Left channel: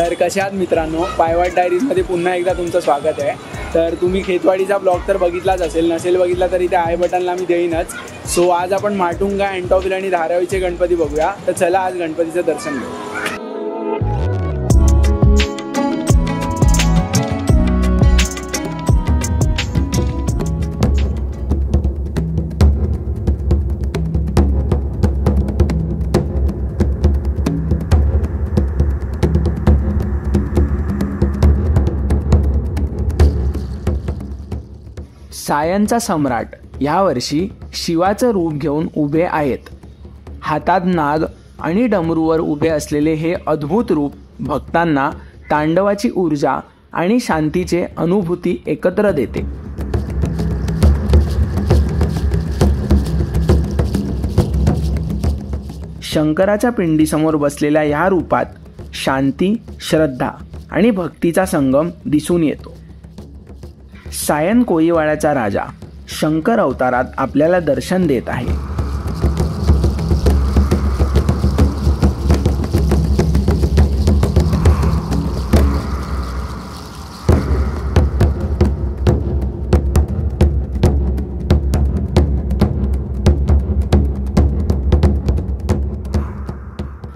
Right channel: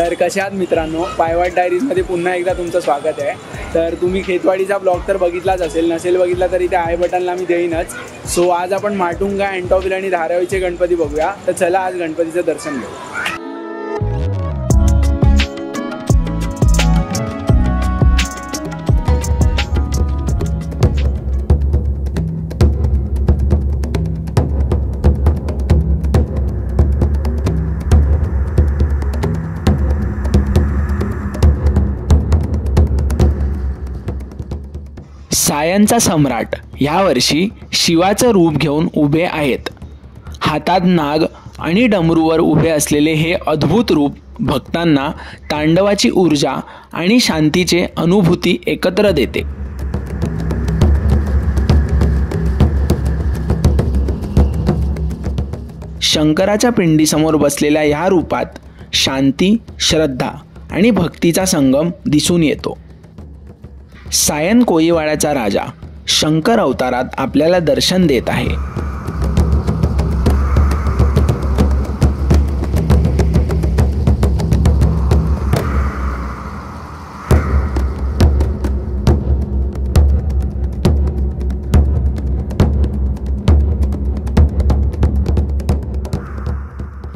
तर कशा आहात मित्रांनो, पायवाट डायरीजमध्ये पुन्हा एकदा तुमचं स्वागत आहे। तर तुम्ही खेतवाडीचा ब्लॉग तर बघितलाच असेल, नसेल बघितला तरी त्या आय बटनला मी देईनच। सो आज आपण माटुंगा, अँटॉफिल आणि धारावीचे गणपती बघूया। तर चला आज गणपतीचं दर्शन घेऊ। सायनचा सम्राट यावर्षी शिवाचं रूप घेऊन उभे आहेत। हातात नाग आणि डमरूवर उभे असलेले हे अद्भुत रूप भक्तांना तांडवाची ऊर्जा आणि शांतीचे अनुभूती एकत्र देते। शंकराच्या पिंडीसमोर बसलेल्या या रूपात शांती, श्रद्धा आणि भक्तीचा संगम दिसून येतो। सायन कोळीवाड्याचा राजा शंकर अवतारात आपल्याला दर्शन देत आहे।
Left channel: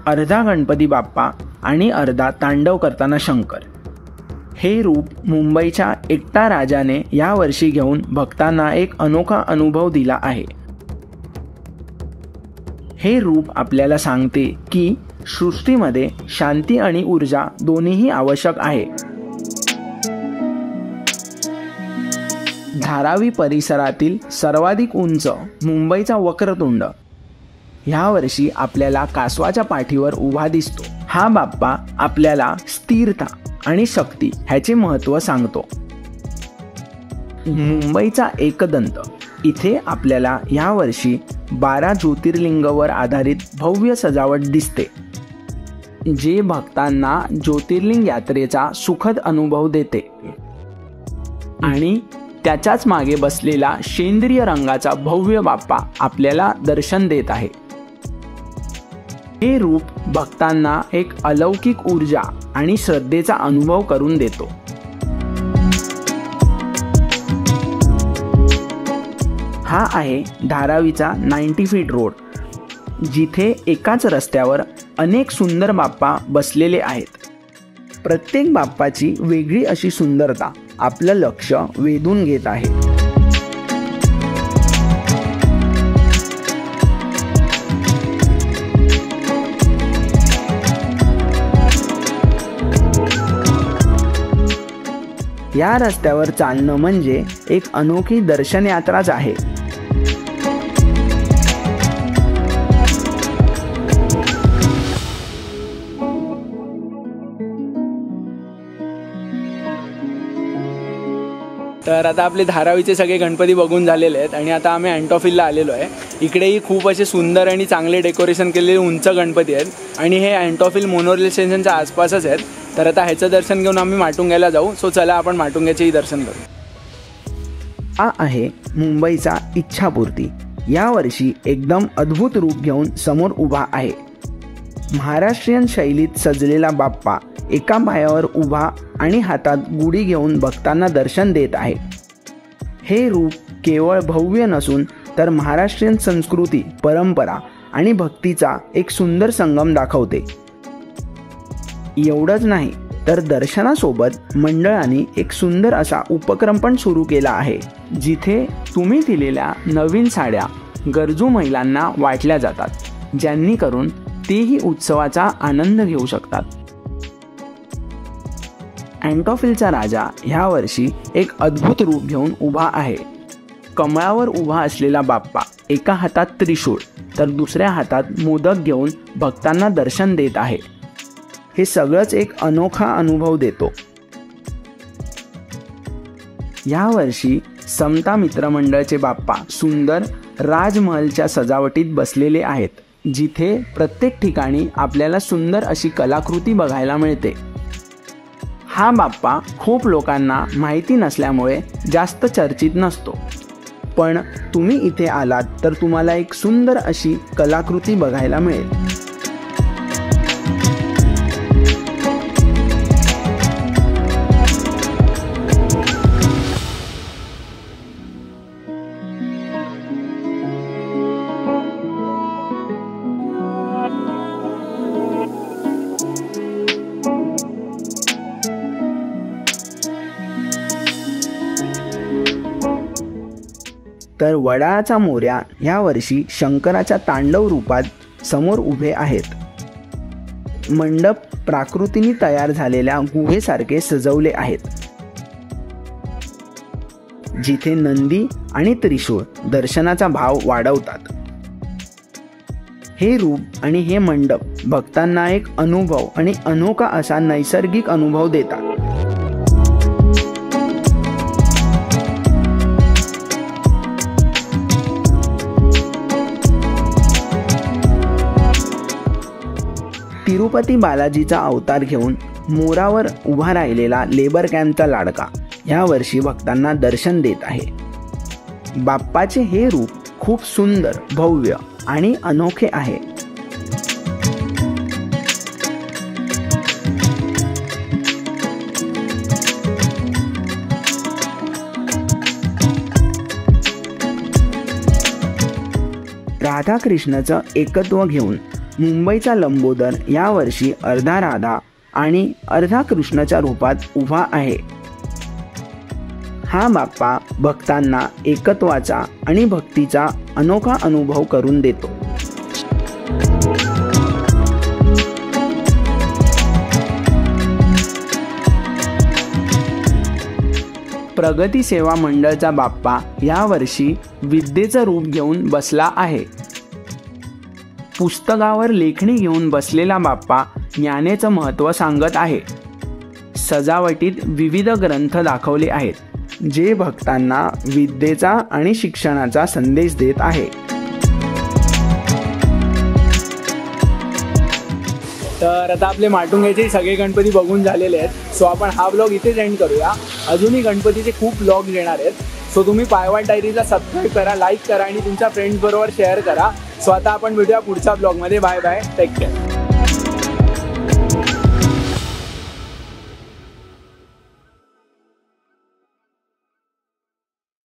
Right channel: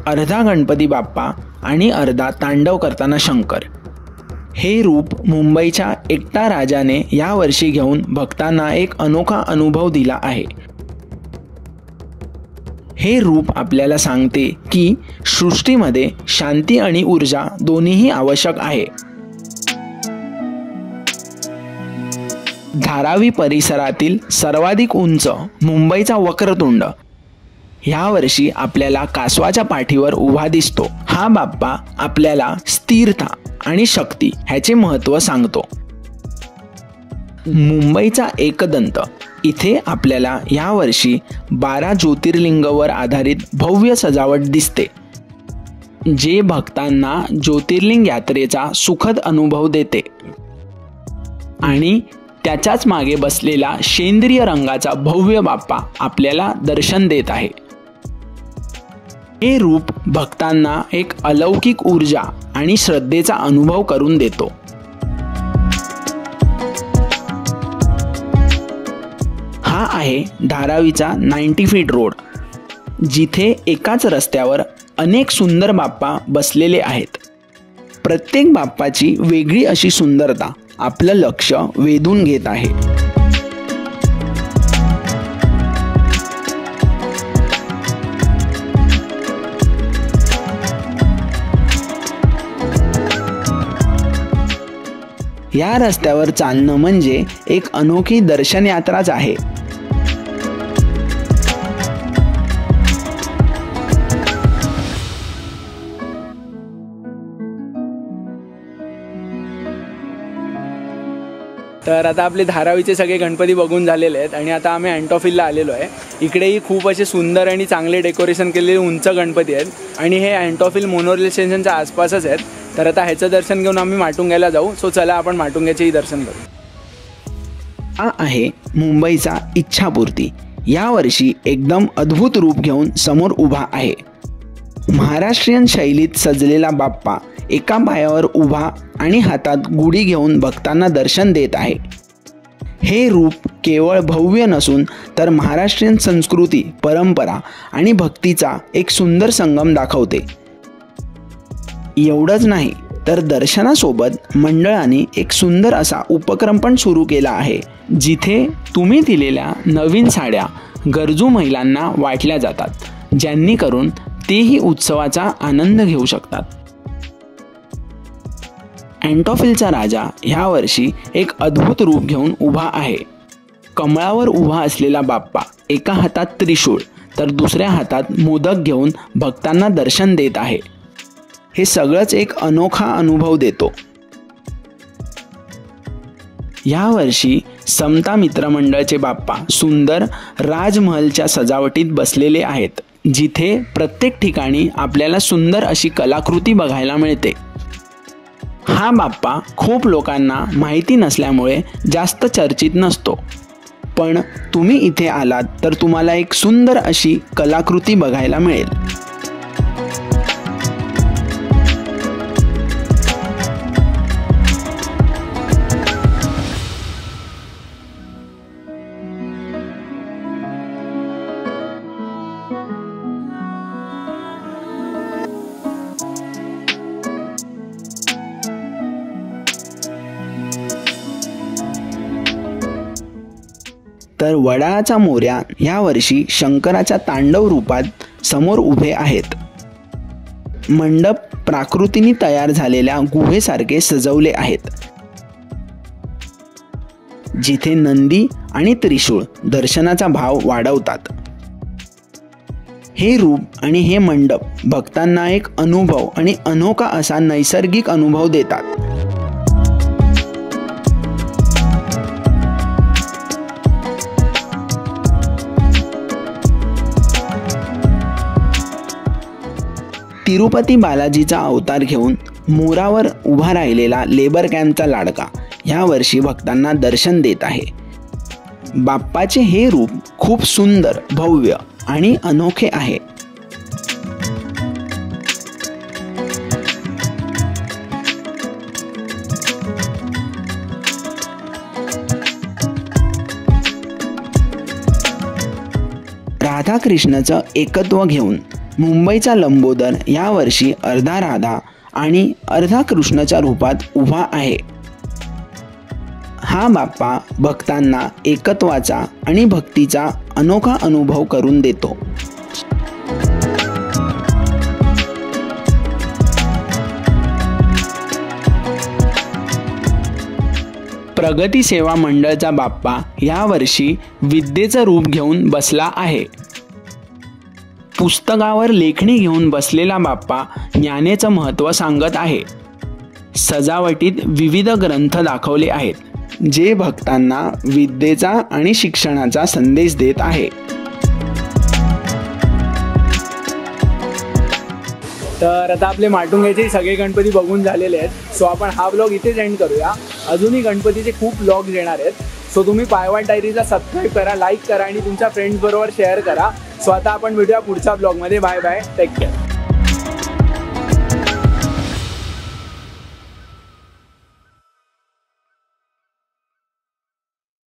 अर्धा गणपती बाप्पा आणि अर्धा तांडव करताना शंकर, हे रूप मुंबईच्या एकटा राजाने यावर्षी घेऊन भक्तांना एक अनोखा अनुभव दिला आहे। हे रूप आपल्याला सांगते की सृष्टीमध्ये शांती आणि ऊर्जा दोन्हीही आवश्यक आहे। धारावी परिसरातील सर्वाधिक उंच मुंबईचा वक्रतुंड यावर्षी आपल्याला कासवाच्या पाठीवर उभा दिसतो। हा बाप्पा आपल्याला स्थिरता आणि शक्ती ह्याचे महत्त्व सांगतो। मुंबईचा एकदंत इथे आपल्याला यावर्षी 12 ज्योतिर्लिंगावर आधारित भव्य सजावट दिसते, जे भक्तांना ज्योतिर्लिंग यात्रेचा सुखद अनुभव देते। आणि त्याच्याच मागे बसलेला सेंद्रिय रंगाचा भव्य बाप्पा आपल्याला दर्शन देत आहे। हे रूप भक्तांना एक अलौकिक ऊर्जा आणि श्रद्धेचा अनुभव करून देतो। हा आहे धारावीचा 90 फीट रोड, जिथे एकाच रस्त्यावर अनेक सुंदर बाप्पा बसलेले आहेत। प्रत्येक बाप्पाची वेगळी अशी सुंदरता आपलं लक्ष वेधून घेत आहे। या रस्त्यावर चालणं म्हणजे एक अनोखी दर्शन यात्राच आहे। तर आता आपले धारावीचे सगळे गणपती बघून झालेले आहेत आणि आता आम्ही अँटॉफिलला आलेलो आहे। इकडेही खूप असे सुंदर आणि चांगले डेकोरेशन केलेले उंच गणपती आहेत आणि हे अँटॉफिल मोनोरेल स्टेशनच्या आसपासच आहेत। तर आता ह्याचं दर्शन घेऊन आम्ही माटुंग्याला जाऊ। सो चला आपण माटुंग्याचेही दर्शन करू। हा आहे मुंबईचा इच्छापूर्ती, यावर्षी एकदम अद्भुत रूप घेऊन समोर उभा आहे। महाराष्ट्रीयन शैलीत सजलेला बाप्पा एका पायावर उभा आणि हातात गुढी घेऊन भक्तांना दर्शन देत आहे। हे रूप केवळ भव्य नसून तर महाराष्ट्रीयन संस्कृती, परंपरा आणि भक्तीचा एक सुंदर संगम दाखवते। एवढंच नाही तर दर्शनासोबत मंडळाने एक सुंदर असा उपक्रम पण सुरू केला आहे, जिथे तुम्ही दिलेल्या नवीन साड्या गरजू महिलांना वाटल्या जातात, ज्यांनी करून तेही उत्सवाचा आनंद घेऊ शकतात। अँटॉफिलचा राजा ह्यावर्षी एक अद्भुत रूप घेऊन उभा आहे। कमळावर उभा असलेला बाप्पा एका हातात त्रिशूळ तर दुसऱ्या हातात मोदक घेऊन भक्तांना दर्शन देत आहे। हे सगळंच एक अनोखा अनुभव देतो। यावर्षी समता मित्रमंडळचे बाप्पा सुंदर राजमहलच्या सजावटीत बसलेले आहेत, जिथे प्रत्येक ठिकाणी आपल्याला सुंदर अशी कलाकृती बघायला मिळते। हा बाप्पा खूप लोकांना माहिती नसल्यामुळे जास्त चर्चित नसतो, पण तुम्ही इथे आलात तर तुम्हाला एक सुंदर अशी कलाकृती बघायला मिळेल। तर वडाळाचा मोरया यावर्षी शंकराच्या तांडव रूपात समोर उभे आहेत. मंडप प्राकृतीने तयार झालेल्या गुहेसारखे सजवले आहेत, जिथे नंदी आणि त्रिशूळ दर्शनाचा भाव वाढवतात. हे रूप आणि हे मंडप भक्तांना एक अनुभव आणि अनोखा असा नैसर्गिक अनुभव देतात. तिरुपती बालाजीचा अवतार घेऊन मोरावर उभा राहिलेला लेबर कॅम्पचा लाडका यावर्षी भक्तांना दर्शन देत आहे. बाप्पाचे हे रूप खूप सुंदर, भव्य आणि अनोखे आहे. राधाकृष्णाचं एकत्व घेऊन मुंबईचा लंबोदर यावर्षी अर्धा राधा आणि अर्धा कृष्णाच्या रूपात उभा आहे. हा बाप्पा भक्तांना एकत्वाचा आणि भक्तीचा अनोखा अनुभव करून देतो. प्रगती सेवा मंडळचा बाप्पा यावर्षी विद्येचं रूप घेऊन बसला आहे. पुस्तकावर लेखणी घेऊन बसलेला बाप्पा ज्ञानेचं महत्त्व सांगत आहे. सजावटीत विविध ग्रंथ दाखवले आहेत, जे भक्तांना विद्येचा आणि शिक्षणाचा संदेश देत आहे. तर आता आपले माटुंग्याचे सगळे गणपती बघून झालेले आहेत. सो आपण हा व्लॉग इथेच एंड करूया. अजूनही गणपतीचे खूप व्लॉग्स येणार आहेत. सो तुम्ही पायवाट डायरीला सबस्क्राईब करा, लाईक करा आणि तुमच्या फ्रेंड्स बरोबर शेअर करा. सो आता आपण भेटूया पुढच्या व्लॉगमध्ये. Bye bye, take care.